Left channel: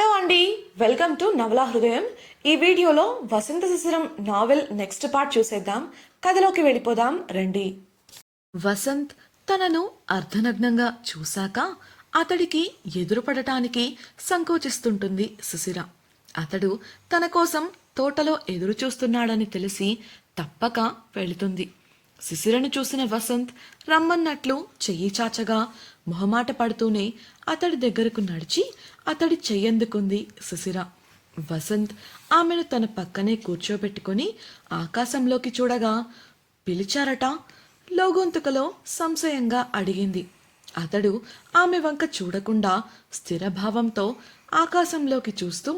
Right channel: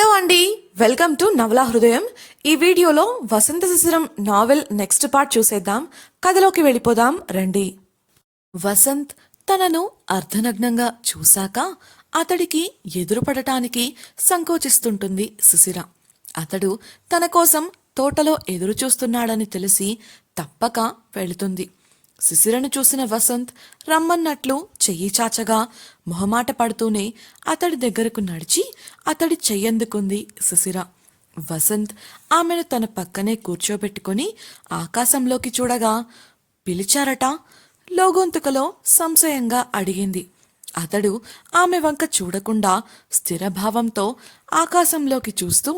Hello అండి. Welcome to నవలా హృదయం. ఈ వీడియోలో Vasantha Shishiram novel next part చూసేద్దాం. కథలోకి వెళ్ళిపోదాం రండి. వసంత్ తనను అర్ధనగ్నంగా చూశాక అతడికి ఎదురుపడటానికి సంకోచిస్తుంటుంది శిశిర. అతడు తన కోసం తోటలో ఎదురు చూస్తున్నాడని తెలిసి తప్పక వెళుతుంది. శిశిరను చూసిన వసంత్ రమ్మన్నట్లు చెయ్యి చాచగా మొహమాట పడుతూనే అతడి దగ్గరకు నడిచి అతడి చెయ్యందుకుంది శిశిర వసంత్ ఆమెను తన పక్కనే కూర్చోబెట్టుకుని ఆకాశంలోకి చూడగా పిలిచారట. లోగొంతుకలో సంశయంగా అడిగింది. అతడు ఆమె వంక చూడకుండా స్థిరభావంతో ఆకాశంలోకి చూస్తూ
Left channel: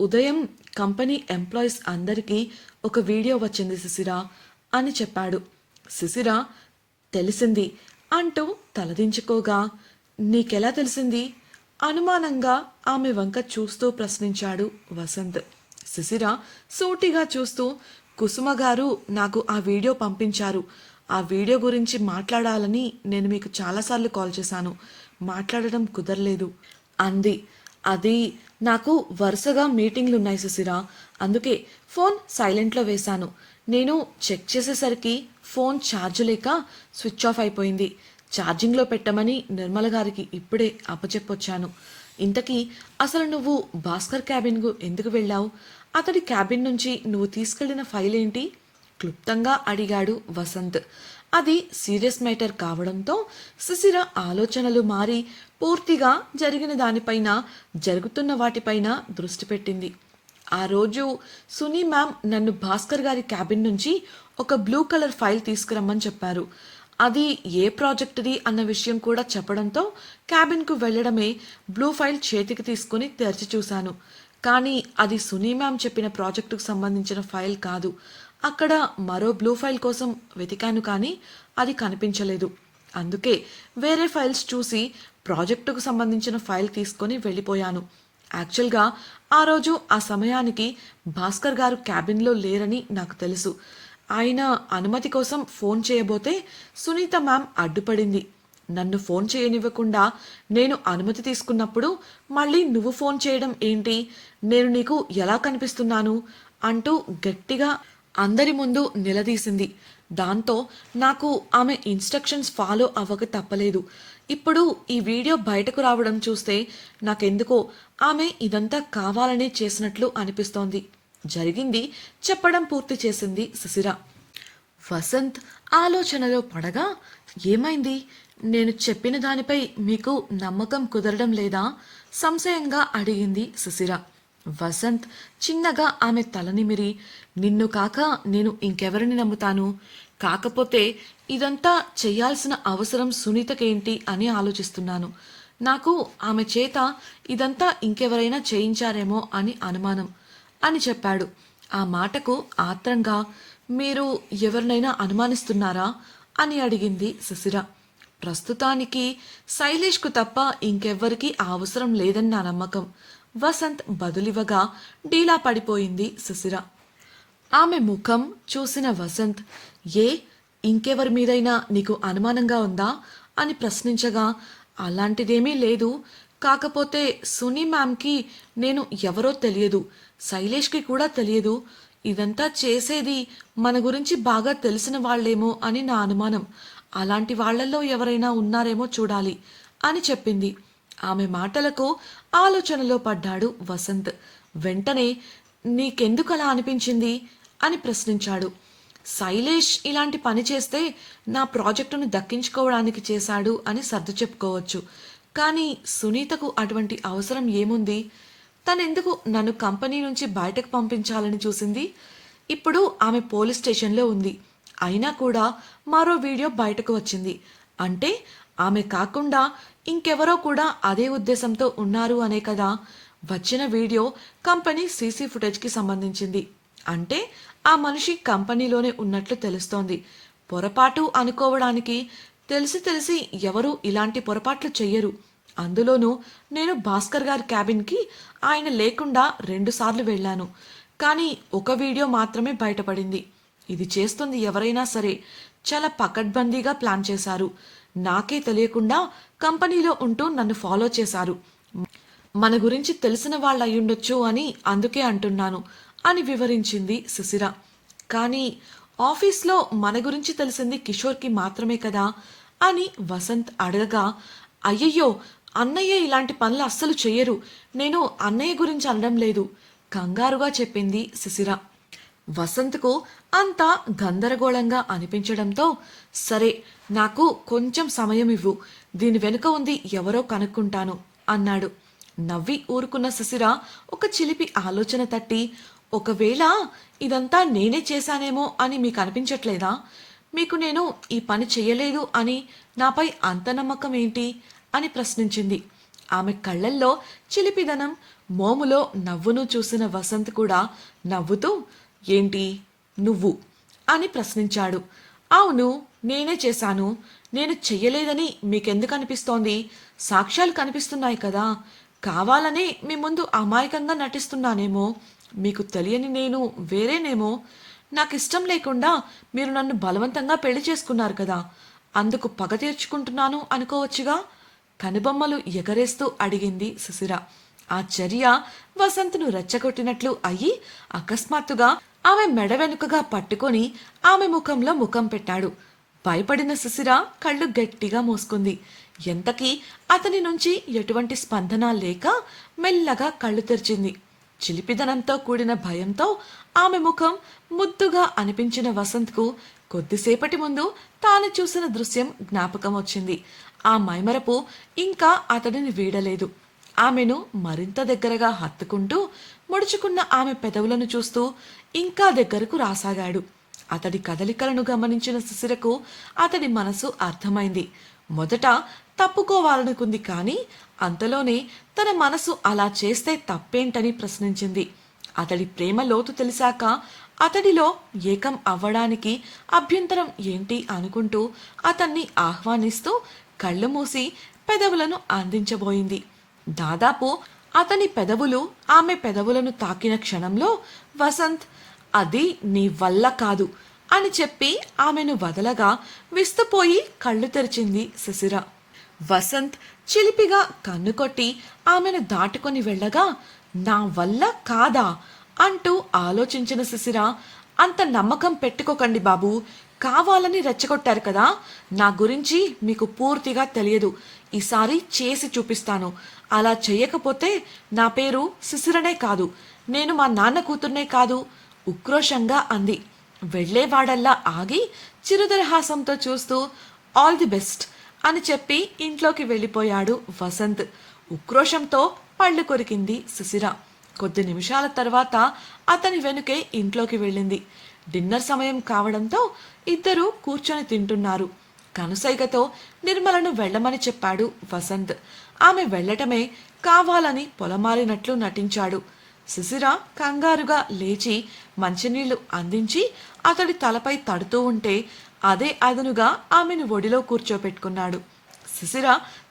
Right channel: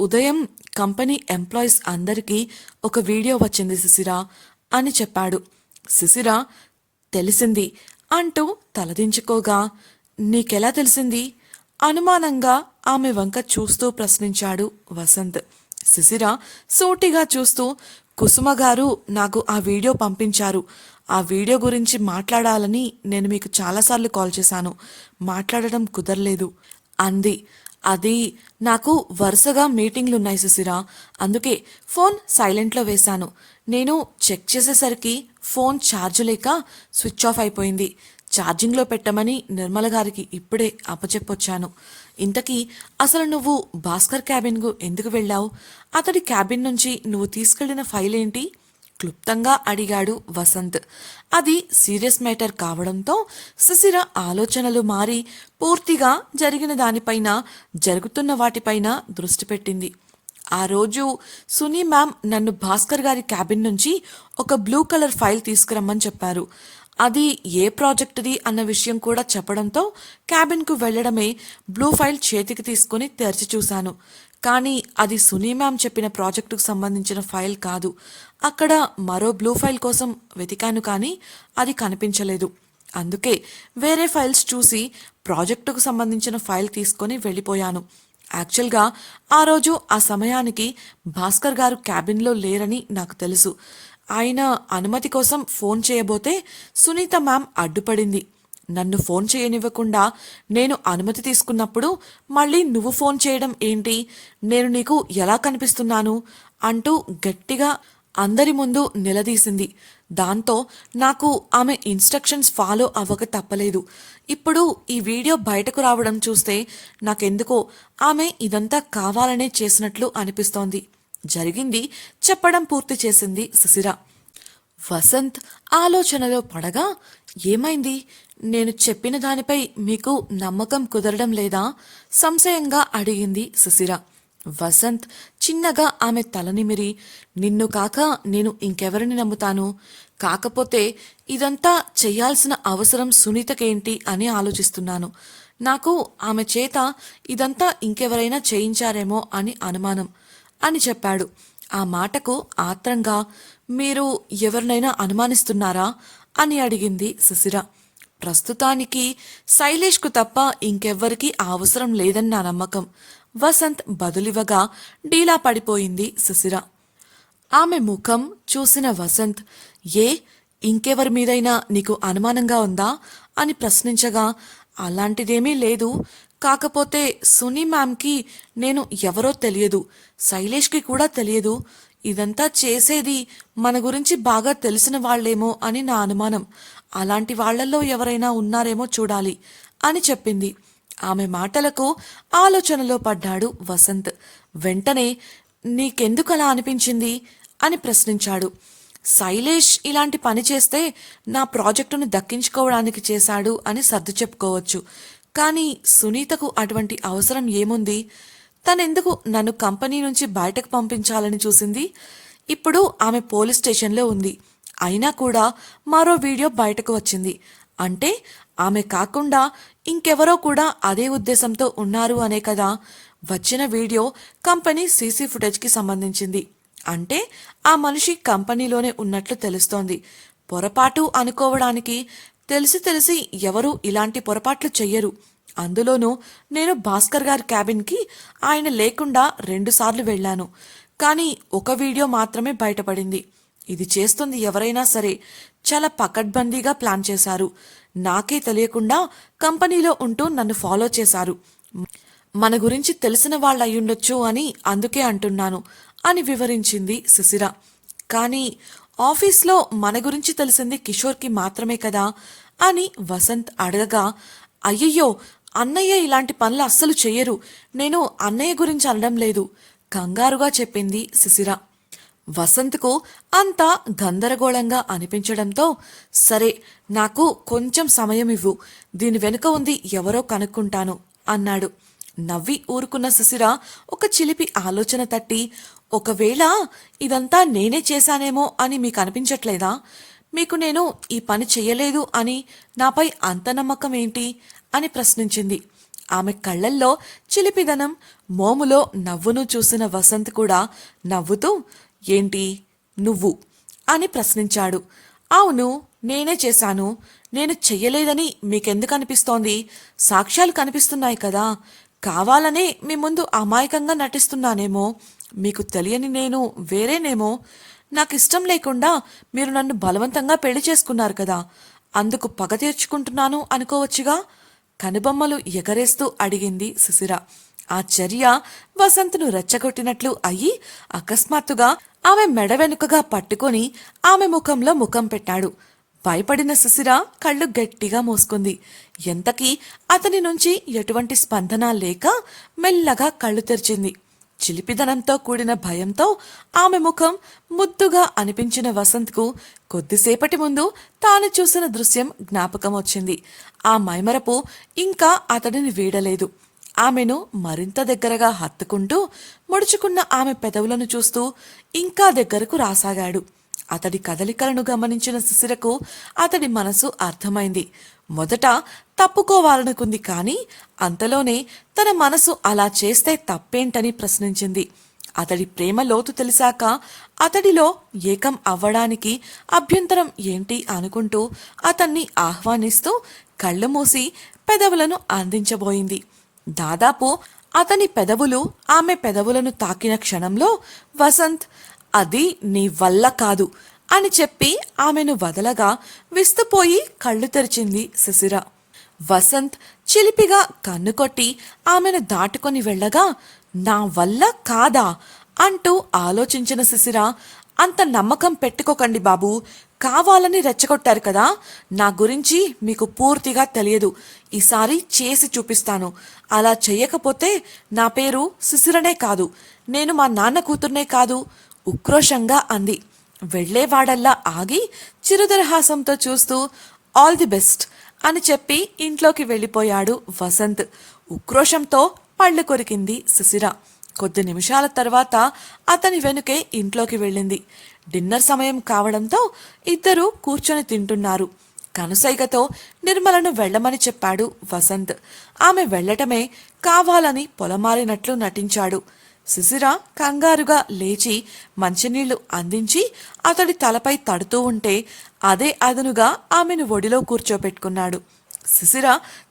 ఉదయం కంపెనీ ఎంప్లాయీస్ అందరికీ ఒక వీడియో వచ్చింది శిశిర అని చెప్పాడు. శిశిర తెలిసింది. అంటూ తలదించుకోగా నీకెలా తెలిసింది? అనుమానంగా ఆమె వంక చూస్తూ ప్రశ్నించాడు వసంత్. శిశిర సూటిగా చూస్తూ కుసుమ గారు నాకు ఆ వీడియో పంపించారు. ఆ వీడియో గురించి మాట్లాడాలని నేను మీకు చాలాసార్లు కాల్ చేశాను. మాట్లాడడం కుదరలేదు. అంది. అది నాకు వరుసగా మీటింగ్లు ఉన్నాయి అందుకే ఫోన్ సైలెంట్లో వేశాను. నేను చెక్ చేసేసరికి ఫోన్ ఛార్జ్ లేక స్విచ్ ఆఫ్ అయిపోయింది. ఛార్జింగ్లో పెట్టమని నిర్మల గారికి ఇప్పుడే అప్పచెప్పొచ్చాను. ఇంతకీ అసలు నువ్వు భాస్కర్ క్యాబిన్కు ఎందుకు వెళ్ళావు? అతడి క్యాబిన్ నుంచి నువ్వు తీసుకెళ్ళిన ఫైల్ ఏంటి? క్లుప్తంగా అడిగాడు వసంత్. అది సీరియస్ మ్యాటర్ కావడంతో సుశిర ఆలోచనలు మారి పూర్తిగా జరిగిన దానిపైన జరుగుతున్న వాటిపైన దృష్టి పెట్టింది. ఆ రోజు సునీ మ్యామ్ నన్ను భాస్కర్ గారి క్యాబిన్ నుంచి ఒక బ్లూ కలర్ ఫైల్ తీసుకురమ్మని చెప్పారు. అది ఏ ప్రాజెక్టుది అన్న విషయం కూడా చెప్పడంతో క్యాబిన్కు వెళ్ళడమే బ్లూ ఫైల్ చేతికి తీసుకుని తెరిచి చూశాను. కానీ అది సునీ మ్యామ్ చెప్పిన ప్రాజెక్టుకు సంబంధించిన ఫైల్ కాదు. అక్కడ మరో బ్లూ ఫైల్ కోసం వెతికాను కానీ అది కనిపించలేదు. అందుకే వేరే ఫైల్స్ చూసి ప్రాజెక్టుకు సంబంధించిన ఫైల్ తీసుకొని వెళ్ళిపోయాను. యాక్చువల్గా ఆ రోజు ఆ సమయానికి భాస్కర్ గారు క్యాబిన్లో లేరని నాకు తెలుసు. ఆయన అనుమతి కోసం ఫోన్ చేయబోతే సునీత మ్యామ్ అడ్డుపడింది. నన్ను ఫోన్ చేయనివ్వకుండా నేను అనుమతి తీసుకున్నప్పుడు మళ్ళీ నువ్వు ఫోన్ చేయడం ఏంటి? నేను నీకు ఎలా కనిపిస్తున్నాను? అంటూ గట్టిగా అందరి ముందు నిలదీసింది. దాంతో నాకు ఆమె ఇన్స్ట్రక్షన్స్ ఫాలో అవ్వక తప్పలేదు. ఇప్పుడు ఈ వీడియో బయటకు రావడం చూస్తే నాకెందుకో ఆమె ఇదంతా కావాలనే చేసినట్లు అనిపిస్తోంది. జరిగింది చెప్పడం పూర్తి చేసింది సుశిర వసంత్ ఆలోచనలో పడగా ఏమైంది? నేను చెప్పిన దానిపై మీకు నమ్మకం కుదరడం లేదా? సంశయంగా అడిగింది సుశిర వసంత్ చిన్నగా ఆమె తలనిమిరి నిన్ను కాక నేను ఇంకెవరిని నమ్ముతాను? కాకపోతే ఇదంతా చేయాల్సిన అవసరం సునీతకేంటి అని ఆలోచిస్తున్నాను. నాకు ఆమె చేత ఇదంతా ఇంకెవరైనా చేయించారేమో అని అనుమానం అని చెప్పాడు. ఆ మాటకు ఆత్రంగా మీరు ఎవరినైనా అనుమానిస్తున్నారా? అని అడిగింది సుశిర. ప్రస్తుతానికి శైలేష్కు తప్ప ఇంకెవ్వరికీ అవసరం లేదని నా నమ్మకం. వసంత్ బదులివ్వగా డీలా పడిపోయింది సుశిర. ఆమె ముఖం చూసిన వసంత్ ఏ ఇంకెవరి మీదైనా నీకు అనుమానంగా ఉందా? అని ప్రశ్నించగా అలాంటిదేమీ లేదు. కాకపోతే సునీ మ్యామ్కి నేను ఎవరో తెలియదు. శైలేష్కి కూడా తెలియదు. ఇదంతా చేసేది మన గురించి బాగా తెలిసిన వాళ్ళేమో అని నా అనుమానం. అలాంటి వాళ్ళల్లో ఎవరైనా ఉన్నారేమో చూడాలి అని చెప్పింది. ఆమె మాటలకు ఆలోచనలో పడ్డాడు వసంత్. వెంటనే నీకెందుకు అలా అనిపించింది? అని ప్రశ్నించాడు. శైలేష్ ఇలాంటి పని చేస్తే నా ప్రాజెక్టును దక్కించుకోవడానికి చేశాడు అని సర్దు చెప్పుకోవచ్చు. కానీ సునీతకు అటువంటి అవసరం ఏముంది? తనెందుకు నన్ను కంపెనీ నుంచి బయటకు పంపించాలని చూసింది? ఇప్పుడు ఆమె పోలీస్ స్టేషన్లో ఉంది. అయినా కూడా మరో వీడియో బయటకు వచ్చింది. అంటే ఆమె కాకుండా ఇంకెవరో కూడా అదే ఉద్దేశంతో ఉన్నారు అనే కదా? వచ్చిన వీడియో కంపెనీ సీసీ ఫుటేజ్కి సంబంధించింది. అంటే ఆ మనిషి కంపెనీలోనే ఉన్నట్లు తెలుస్తోంది. పొరపాటు అనుకోవడానికి తెలిసి తెలిసి ఎవరు ఇలాంటి పొరపాట్లు చెయ్యరు. అందులోనూ నేను భాస్కర్ గారి క్యాబిన్కి ఆయన లేకుండా రెండుసార్లు వెళ్ళాను. కానీ ఒక వీడియో మాత్రమే బయటపడింది. ఇది చేస్తుంది ఎవరైనా సరే. చాలా పకడ్బందీగా ప్లాన్ చేశారు. నాకే తెలియకుండా కంపెనీలో ఉంటూ నన్ను ఫాలో చేశారు. మన గురించి తెలిసిన వాళ్ళు అయ్యుండొచ్చు అని అందుకే అంటున్నాను. అని వివరించింది సుశిర కానీ ఆఫీస్లో మన గురించి తెలిసింది కిషోర్కి మాత్రమే కదా అని వసంత్ అడగగా అయ్యయ్యో అన్నయ్య ఇలాంటి పనులు అస్సలు చెయ్యరు. నేను అన్నయ్య గురించి అనడం లేదు కంగారుగా చెప్పింది సుశిర వసంత్కు అంతా గందరగోళంగా అనిపించడంతో సరే నాకు కొంచెం సమయం ఇవ్వు దీని వెనుక ఉంది ఎవరో కనుక్కుంటాను అన్నాడు. నవ్వి ఊరుకున్న శిశిర ఒక చిలిపి ఆలోచన తట్టి ఒకవేళ ఇదంతా నేనే చేశానేమో అని మీకు అనిపించట్లేదా? మీకు నేను ఈ పని చెయ్యలేదు అని నాపై అంత నమ్మకం ఏంటి? అని ప్రశ్నించింది. ఆమె కళ్ళల్లో చిలిపిదనం మోములో నవ్వును చూసిన వసంత్ కూడా నవ్వుతూ ఏంటి? నువ్వు? అని ప్రశ్నించాడు. అవును నేనే చేశాను. నేను చెయ్యలేదని మీకెందుకు అనిపిస్తోంది? సాక్ష్యాలు కనిపిస్తున్నాయి కదా. కావాలనే మీ ముందు అమాయకంగా నటిస్తున్నానేమో. మీకు తెలియని నేను వేరేనేమో నాకు ఇష్టం లేకుండా మీరు నన్ను బలవంతంగా పెళ్ళి చేసుకున్నారు కదా. అందుకు పగ తీర్చుకుంటున్నాను అనుకోవచ్చుగా? కనుబొమ్మలు ఎగరేస్తూ అడిగింది సుశిర. ఆ చర్య వసంత్ను రెచ్చగొట్టినట్లు అయ్యి అకస్మాత్తుగా ఆమె మెడ వెనుకగా పట్టుకొని ఆమె ముఖంలో ముఖం పెట్టాడు. భయపడిన సుశిర కళ్ళు గట్టిగా మూసుకుంది. ఎంతకీ అతని నుంచి ఎటువంటి స్పందన లేక మెల్లగా కళ్ళు తెరిచింది. చిలిపిదనంతో కూడిన భయంతో ఆమె ముఖం ముద్దుగా అనిపించిన వసంత్కు కొద్దిసేపటి ముందు తాను చూసిన దృశ్యం జ్ఞాపకం వచ్చింది ఆ మైమరపు ఇంకా అతడిని వీడలేదు. ఆమెను మరింత దగ్గరగా హత్తుకుంటూ ముడుచుకున్న ఆమె పెదవులను చూస్తూ ఇంకా దగ్గరకు రాసాగాడు. అతడి కదలికలను గమనించిన శిశిరకు అతడి మనసు అర్థమైంది. మొదట తప్పుకోవాలనుకుంది కానీ అంతలోనే తన మనసు అలా చేస్తే తప్పేంటని ప్రశ్నించింది. అతడి ప్రేమ లోతు తెలిసాక అతడిలో ఏకం అవ్వడానికి అభ్యంతరం ఏంటి అనుకుంటూ అతన్ని ఆహ్వానిస్తూ కళ్ళు మూసి పెదవులను అందించబోయింది. దాదాపు అతని పెదవులు ఆమె పెదవులను తాకిన క్షణంలో వసంత్ అది నీ వల్ల కాదు అని చెప్పి ఆమెను వదలగా విస్తుపోయి కళ్ళు తెరిచింది శిశిర వసంత్ చిలిపిగా కన్ను కొట్టి ఆమెను దాటుకొని వెళ్ళగా నా వల్ల కాదా అంటూ ఆలోచించిన శిశిర అంత నమ్మకం పెట్టుకోకండి బాబు కావాలని రెచ్చగొట్టారు కదా నా గురించి మీకు పూర్తిగా తెలియదు ఈసారి చేసి చూపిస్తాను. అలా చెయ్యకపోతే నా పేరు శిశిరనే కాదు నేను మా నాన్న కూతుర్నే కాదు ఉక్రోషంగా అంది. వెళ్ళేవాడల్లా ఆగి చిరుదరహాసంతో చూస్తూ ఆల్ ది బెస్ట్ అని చెప్పి ఇంట్లోకి వెళ్ళిపోయాడు వసంత్. ఉక్రోషంతో పళ్ళు కొరికింది సుశిర. కొద్ది నిమిషాల తర్వాత అతని వెనుకే ఇంట్లోకి వెళ్ళింది. డిన్నర్ సమయం కావడంతో ఇద్దరూ కూర్చొని తింటున్నారు. కనుసైగతో నిర్మలను వెళ్ళమని చెప్పాడు వసంత్. ఆమె వెళ్ళటమే కావాలని పొలమారినట్లు నటించాడు. శిశిర కంగారుగా లేచి మంచినీళ్ళు అందించి అతడి తలపై తడుతూ ఉంటే అదే అదనుగా ఆమెను ఒడిలో కూర్చోబెట్టుకున్నాడు శిశిర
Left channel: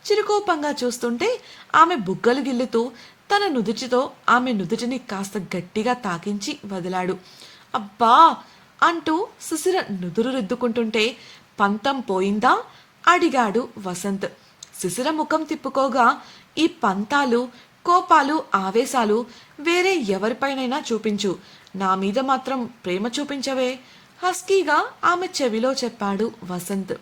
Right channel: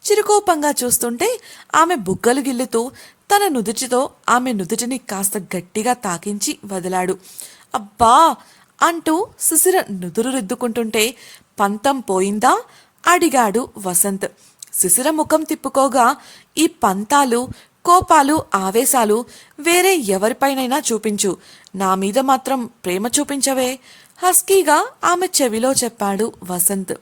చిరుకోపంగా చూస్తుంటే ఆమె బుగ్గలు గిల్లుతూ తన నుదుటితో ఆమె నుదుటిని కాస్త గట్టిగా తాకించి వదిలాడు. అబ్బా! అంటూ శిశిర నుదురు రుద్దుకుంటుంటే పంతం పోయిందా? అడిగాడు వసంత్. శిశిర ముఖం తిప్పుకోగా ఈ పంతాలు కోపాలు ఆవేశాలు వేరే ఎవరిపైనైనా చూపించు. నా మీద మాత్రం ప్రేమ చూపించవే. హస్కీగా ఆమె చెవిలో చెప్పాడు వసంత్.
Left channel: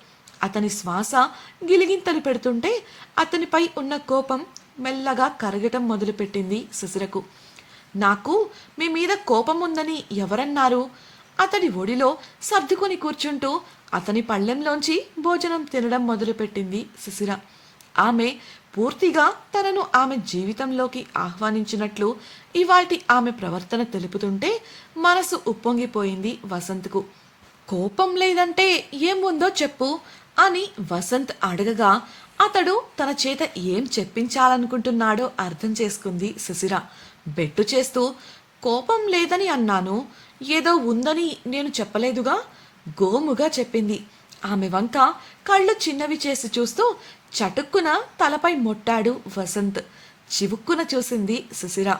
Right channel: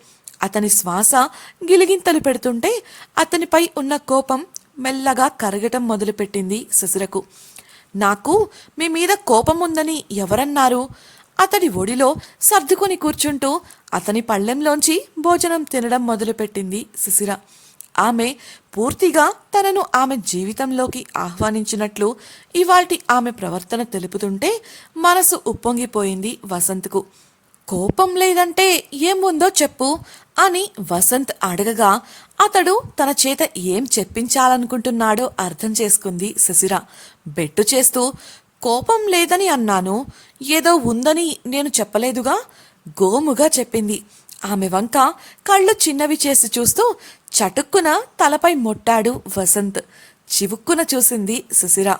అతని శ్వాస గిలిగింతలు పెడుతుంటే అతనిపై ఉన్న కోపం మెల్లగా కరగటం మొదలుపెట్టింది శశిరకు. నాకు మీ మీద కోపం ఉందని ఎవరన్నారు? అతడి ఒడిలో సర్దుకొని కూర్చుంటూ అతని పళ్ళెంలోంచి భోజనం తినడం మొదలుపెట్టింది శిశిర. ఆమె పూర్తిగా తనను ఆమె జీవితంలోకి ఆహ్వానించినట్లు ఇవాటి ఆమె ప్రవర్తన తెలుపుతుంటే మనసు ఉప్పొంగిపోయింది వసంత్కు. కోపం లేదంటే ఏముందో చెప్పు అని వసంత్ అడగగా అతడు తన చేత ఏం చెప్పించాలనుకుంటున్నాడో అర్థం చేసుకుంది శశిర. బెట్టు చేస్తూ కోపం లేదని అన్నాను ఏదో ఉందని నేను చెప్పలేదుగా గోముగా చెప్పింది. ఆమె వంక కళ్ళు చిన్నవి చేసి చూస్తూ చటుక్కున తలపై మొట్టాడు వసంత్. చివుక్కున చూసింది సుశిర.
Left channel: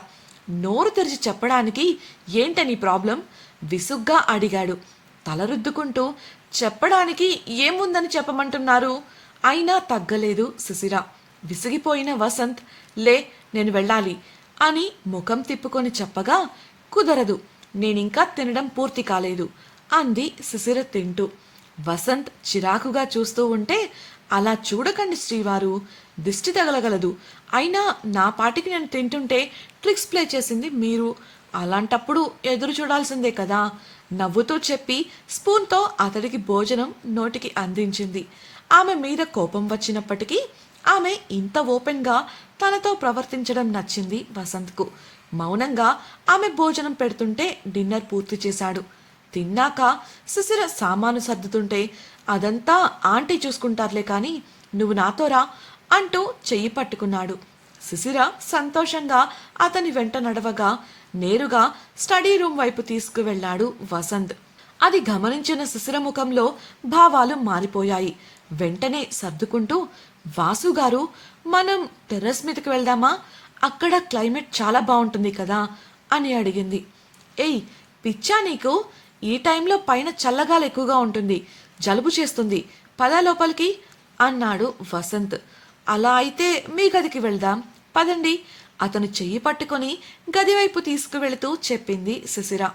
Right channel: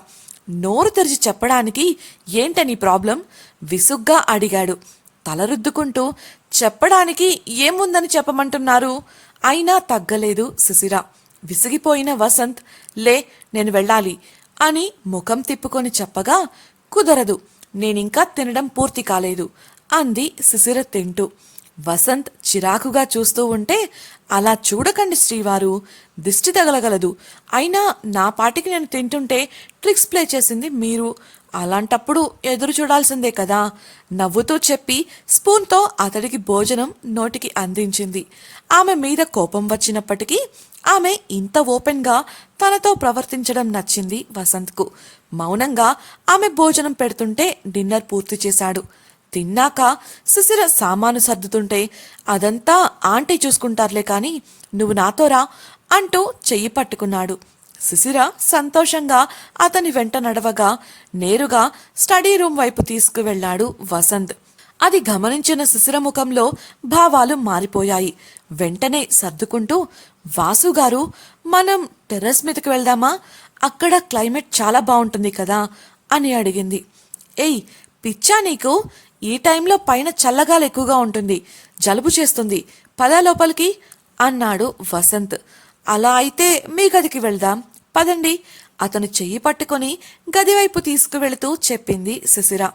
నోరు తెరిచి చెప్పడానికి ఏంటని ప్రాబ్లం? విసుగ్గా అడిగాడు. తల రుద్దుకుంటూ చెప్పడానికి ఏముందని చెప్పమంటున్నారు? అయినా తగ్గలేదు సుశిర. విసిగిపోయిన వసంత్ లే నేను వెళ్ళాలి అని ముఖం తిప్పుకొని చెప్పగా కుదరదు. నేనింకా తినడం పూర్తి కాలేదు అంది సుశిర తింటూ. వసంత్ చిరాకుగా చూస్తూ ఉంటే అలా చూడకండి శ్రీవారు దిష్టి తగలగలదు. అయినా నా పాటికి నేను తింటుంటే ట్రిక్స్ ప్లే చేసింది మీరు. అలాంటప్పుడు ఎదురు చూడాల్సిందే కదా. నవ్వుతూ చెప్పి స్పూన్తో అతడికి భోజనం నోటికి అందించింది. ఆమె మీద కోపం వచ్చినప్పటికీ ఆమె ఇంత ఓపెన్గా తనతో ప్రవర్తించడం నచ్చింది వసంత్కు. మౌనంగా ఆమె భోజనం పెడుతుంటే డిన్నర్ పూర్తి చేశాడు. తిన్నాక శిశిర సామాను సర్దుతుంటే అదంతా ఆంటీ చూసుకుంటారులే కానీ నువ్వు నాతోరా అంటూ చెయ్యి పట్టుకున్నాడు. శిశిర సంతోషంగా అతని వెంట నడవగా నేరుగా స్టడీ రూమ్ వైపు తీసుకువెళ్ళాడు వసంత్. అది గమనించిన శిశిర ముఖంలో భావాలు మారిపోయాయి. వెంటనే సర్దుకుంటూ వాసు గారు మనం టెర్రస్ మీదకి వెళ్దామా? అక్కడ క్లైమేట్ చాలా బాగుంటుంది కదా అని అడిగింది. ఏయ్ పిచ్చా నీకు? ఈ టైంలో పైన చల్లగాలి ఎక్కువగా ఉంటుంది. జలుబు చేస్తుంది. పద లోపలికి అన్నాడు వసంత్. అలా అయితే మీ గదికి వెళ్దాం. పదండి. అతను చెయ్యి పట్టుకొని గదివైపు తీసుకువెళుతూ చెప్పింది శిశిర.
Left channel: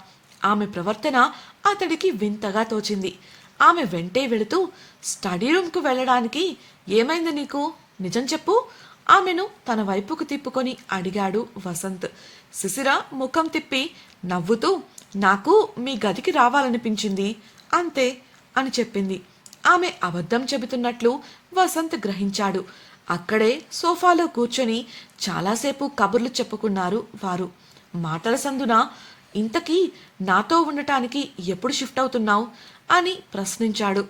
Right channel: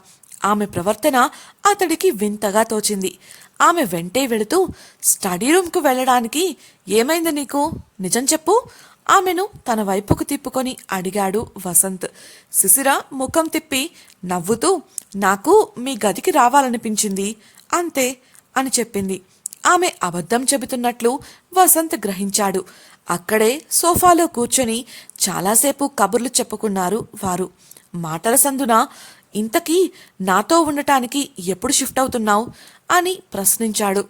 ఆమె ప్రవర్తన అతడికి వింతగా తోచింది. ఆమె వెంటే వెళుతూ స్టడీ రూమ్కు వెళ్ళడానికి ఏమైంది నీకు? నిజం చెప్పు. ఆమెను తన వైపుకు తిప్పుకొని అడిగాడు వసంత్. శిశిర ముఖం తిప్పి నవ్వుతూ నాకు మీ గదికి రావాలనిపించింది అంతే అని చెప్పింది. ఆమె అబద్ధం చెబుతున్నట్లు వసంత్ గ్రహించాడు. అక్కడే సోఫాలో కూర్చొని చాలాసేపు కబుర్లు చెప్పుకున్నారు వారు. మాటల సందున ఇంతకీ నాతో ఉండటానికి ఎప్పుడు షిఫ్ట్ అవుతున్నావు? అని ప్రశ్నించాడు.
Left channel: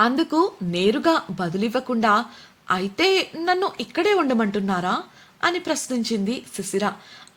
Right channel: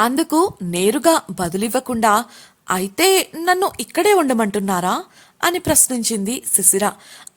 అందుకు నేరుగా బదులివ్వకుండా అయితే నన్ను ఇక్కడే ఉండమంటున్నారా? అని ప్రశ్నించింది శిశిర.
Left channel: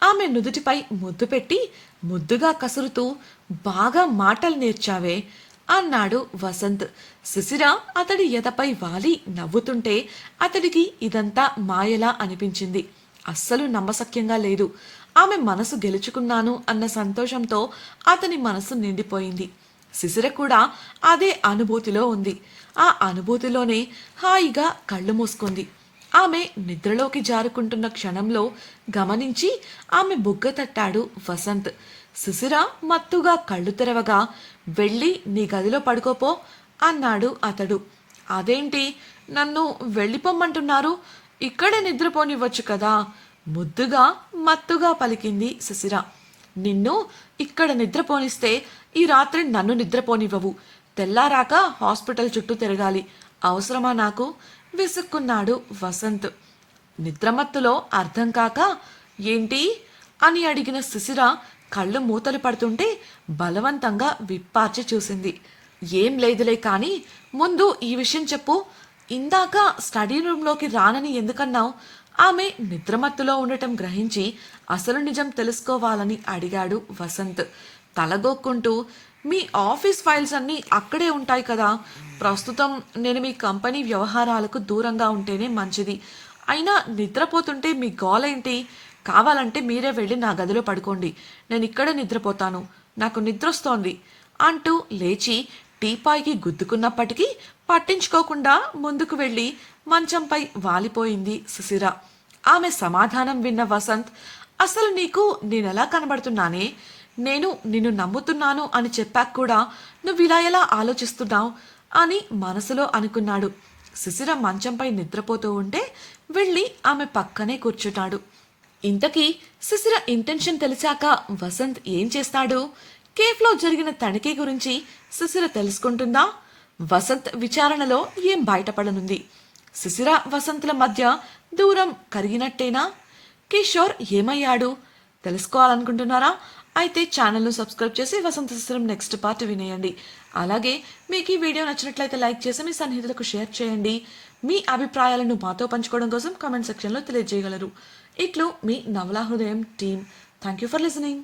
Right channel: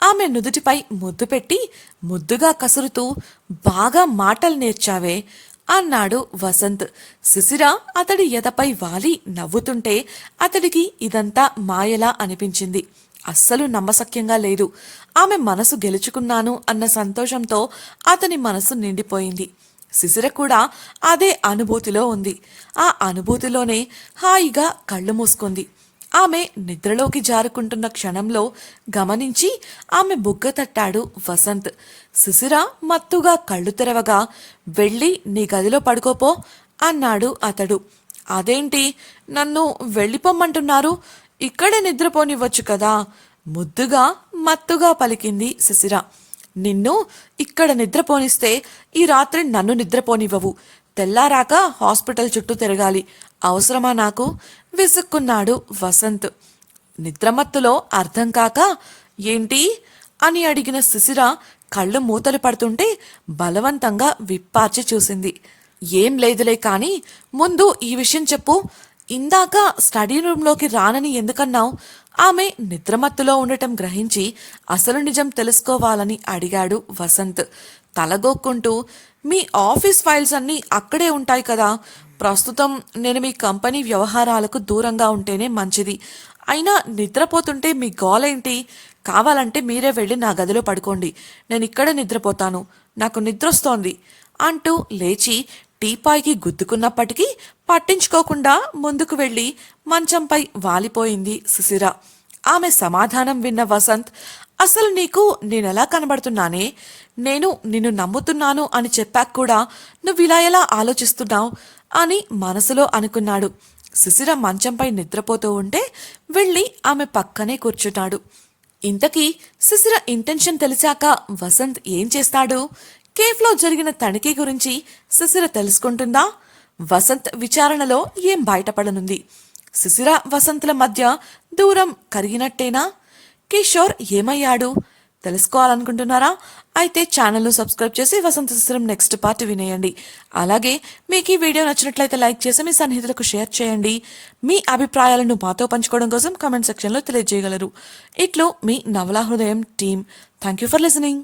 ఆమె నుదుటిపై ముద్దు పెట్టి ముద్దుగా కసురుతూ బాగా మాటలు నేర్చావే అన్నాడు వసంత్. శిశిర అతడి ఎదపై వాలి నవ్వుతుంటే అతడికి ఇదంతా మాయలా అనిపించింది. అస్సలు నమ్మశక్యంగా లేదు. ఆమె మనసు గెలుచుకున్నాను అన్న సంతోషంతో అతని మనసు నిండిపోయింది. శిశిర కూడా అదే అనుభూతిలో ఉంది. ఆ అనుభూతిలోనే హాయిగా కళ్ళు మూసుకుంది. ఆమె నిద్రలోకి జారుకుంటున్న క్షణంలో గమనించి ఆమె బుగ్గ తట్టాడు వసంత్. శిశిర మత్తుగా కళ్ళు తెరవగా వెళ్ళి నీ గదిలో పడుకోపో అన్నాడు అతడు. అదేంటి? నన్ను వెళ్ళిపోమ్మంటున్నారు? ఇక్కడే నిద్రపోనివ్వచ్చు కదా ముద్దుగా మత్తుగా పలికింది శిశిర నిన్ను ఇక్కడ నిద్రపోనిస్తే ఈ రాత్రి నన్ను నిద్రపోనివ్వవు. తెల్లారాక హాస్పిటల్ చుట్టూ తిరగాలి. అవసరమా నాకు? విసుక్కున్నాడు వసంత్. నిద్రమత్తులో అర్థం కాక ఏంటి? అని అడిగిన శిశిర కళ్ళు మూతలు పడుతుంటే బలవంతంగా విప్పార్చి చూసింది. ఏం లేదులే కానీ ముందు ఈ విషయం చెప్పు. ఇందాక స్టడీ రూమ్లోకి రానని ఎందుకన్నావు? ఆమె నిద్రమత్తులో ఉండటం గ్రహించి అసలు నిజం తెలుసుకోవాలని అడిగాడు వసంత్. తలగొక్కుంటూ మీ ఆఫీస్ ఫైల్స్ అన్నీ అక్కడే ఉంటాయి కదా. ప్రస్తుతం నేను మీ కంపెనీ వ్యవహారాలకు దూరంగా ఉంటేనే మంచిది. అయినా నిద్రపోతుంటే మీ గోలేంటి? కావాలంటే మీరే వెళ్ళి నా గదిలో పడుకోండి. నేను ఇక్కడే నిద్రపోతాను. నాకు నిద్రొస్తోంది. అంటూ లేచి టీపాయ్కి గుద్దుకున్నప్పటికీ పట్టించుకోకుండా ముందుకు వెళ్ళి మంచంపై వాలిపోయింది సుశిర ఆమె సమాధానం విన్న వసంత్ అసలు నీకు నేనెలా కనబడుతున్నానే? నేను నిన్ను నమ్ముతున్నాను అని చెప్పాక కూడా నువ్వు ఇలా ఎలా ఆలోచిస్తున్నావు? అని మనసులో అనుకున్నాడు. సుశిర మంచంపై నిద్రపోతూ ఉంటే వెళ్ళి ఆమె పక్కనే కూర్చున్నాడు. ఇంతకీ సుశిర ఇంటెన్షన్ తెలిసాక వసంత్ ఏం చేస్తాడు? కేఫ్లో జరిగిన తనిఖీ గురించి సుశిర తెలుసుకుంటుందా? వసంత్ విచారణలో ఏం బయటపడనుంది? శిశిర వసంతుల మధ్య దూరం కరిగినట్టేనా? కిషోర్ ఏమయ్యాడు? తెలుసుకోవాలనుకుంటున్నారా? అయితే ఛానల్ను సబ్స్క్రైబ్ చేసి వసంత శిశిరం నెక్స్ట్ పార్ట్ వినేయండి. అలాగే మీకు ఈ వీడియో నచ్చినట్లయితే లైక్ చేసి మీ సన్నిహితులకు షేర్ చేయండి. మీ అభిప్రాయాలను మాతో పంచుకోవడం కోసం కామెంట్ సెక్షన్లో తెలియజేయగలరు. ఇట్లు మీ Navala Hrudayam team. Thank you for listening.